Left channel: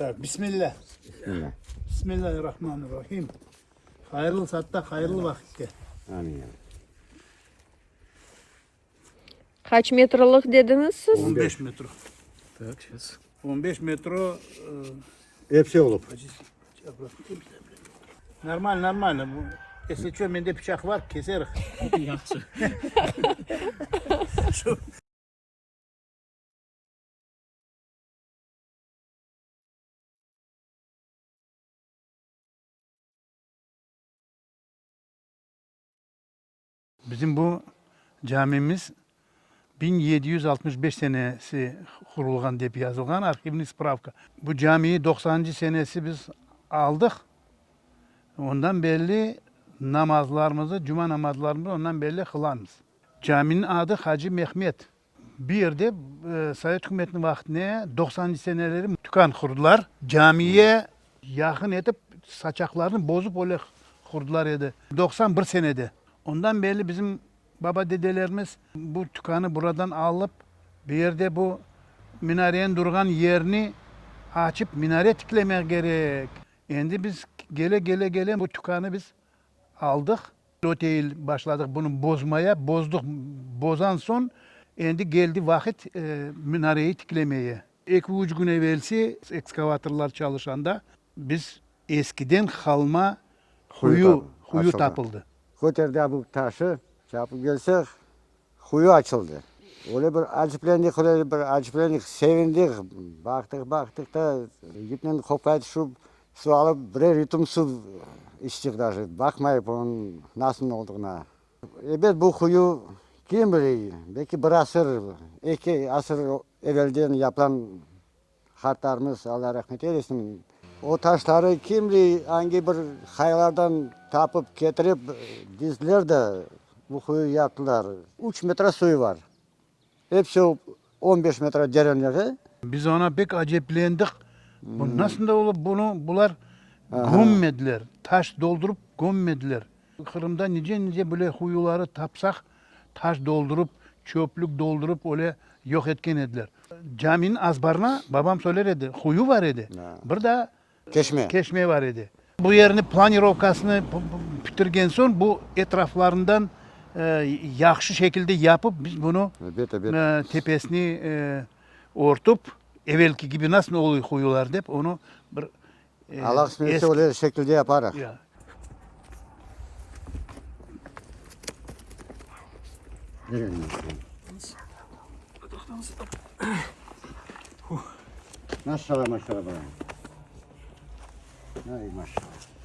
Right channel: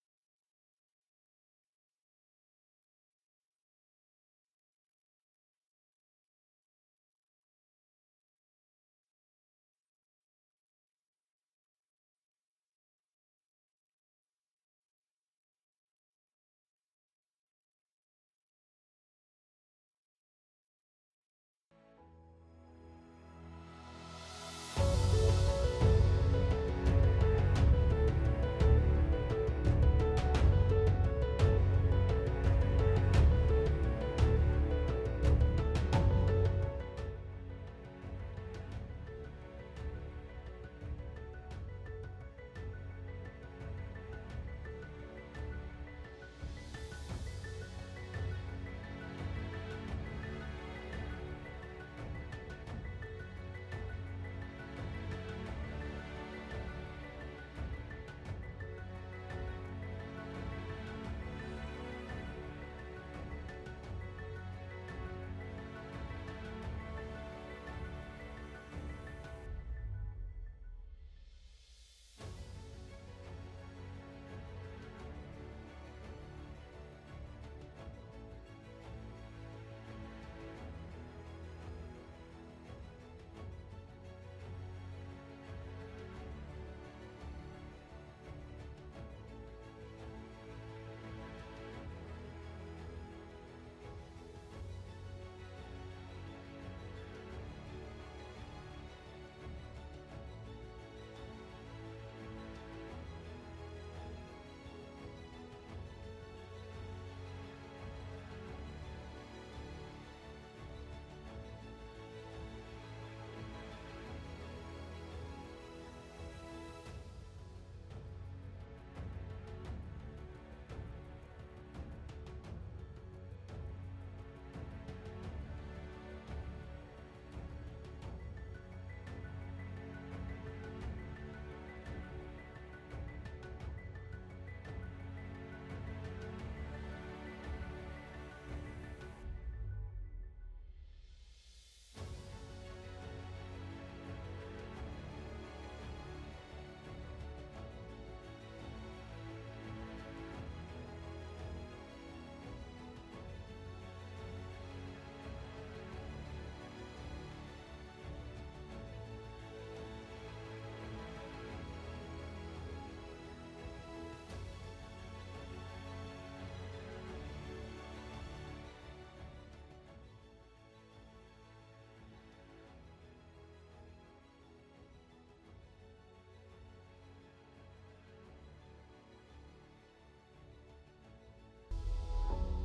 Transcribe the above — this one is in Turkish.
Evet, Bismillah. Bismillah. Bismillahirrahmanirrahim. Hayırlı saatte, hayırlı vakitte. Amin ya. Kaç metrelik dediniz siz? 15 metre. 15 metre Hepsi olup. normal. Bu kesiyor, bende bıçak var, keseriz. Yaxşı. Bizim bu camimiz 1765 senesi kurulgan deyip yazılgan arşivin spravka. Bu camiyi 90. senesi biz aldık. Ondan belli namazlarımızı, cuma namazlarımızı ondan belli kılanız. Caminin adı Hacı Mehmet. Bir yerde Sovet hükümetinin vaktine 90. seneleri tükan kurdular. Camiye yakın edip saçaklarını bozup öyle kurdular idi. 91 senede. Ondan belli bizim baba dedelerimiz bu tükanı buradan alıp bir yerde bu minarenin durgan yerini açıp minare tiklemek gerek. Şimdi biz gele bu tükanı biz aldık. Otel başladık bunu bozmaya, bozduk. Bozan son şimdi geldi vakit minareyi tiklemeye. 2-3 gün evvelsi ekskavatörler çalışanda biz eskiden kalma huyu açıldı. tapıldı. Götürdü bu taşı, çapı gelsek huyu açıldı. Öyle bir acıplendik, sevindik. Baktık da gitmen kopaydı su alıp birer yudum su içtik daha. Bakmayıp onun nasıl olduğuna. Evet bu huyu kim bilir? Belki bir asır, 2 asır evvelden yapılan hatlarımız Allah rahmet eylesin. O taşları kim bilir hangi bir kayalardan tapıp getirip dizdiler de bu kuyu yaptılar. 3 metre suyu var. Hepsi 15 metre derinliği. Biz ona pek aceplendik. Bu nasıl da olup bunlar Aha. gömmediler. Taş doldurup gömmediler. Kırım'da nice böyle huyuları tapsak taş doldurup, çöplük doldurup öyle yok etken ediler. Caminin azbarına babam söyler idi. Huyu var idi. Bir de keşme var idi. Bu yerini planirovkasını bitirgen son bu etraflarından yaxşı şekilde yapıp biz bunu Evet. tepesini ortup evvelki gibi nasıl oluyor huyular deyip onu bir Allah kısmetse öyle şekilde yaparak. Ya. Maşallah. Ay maşallah.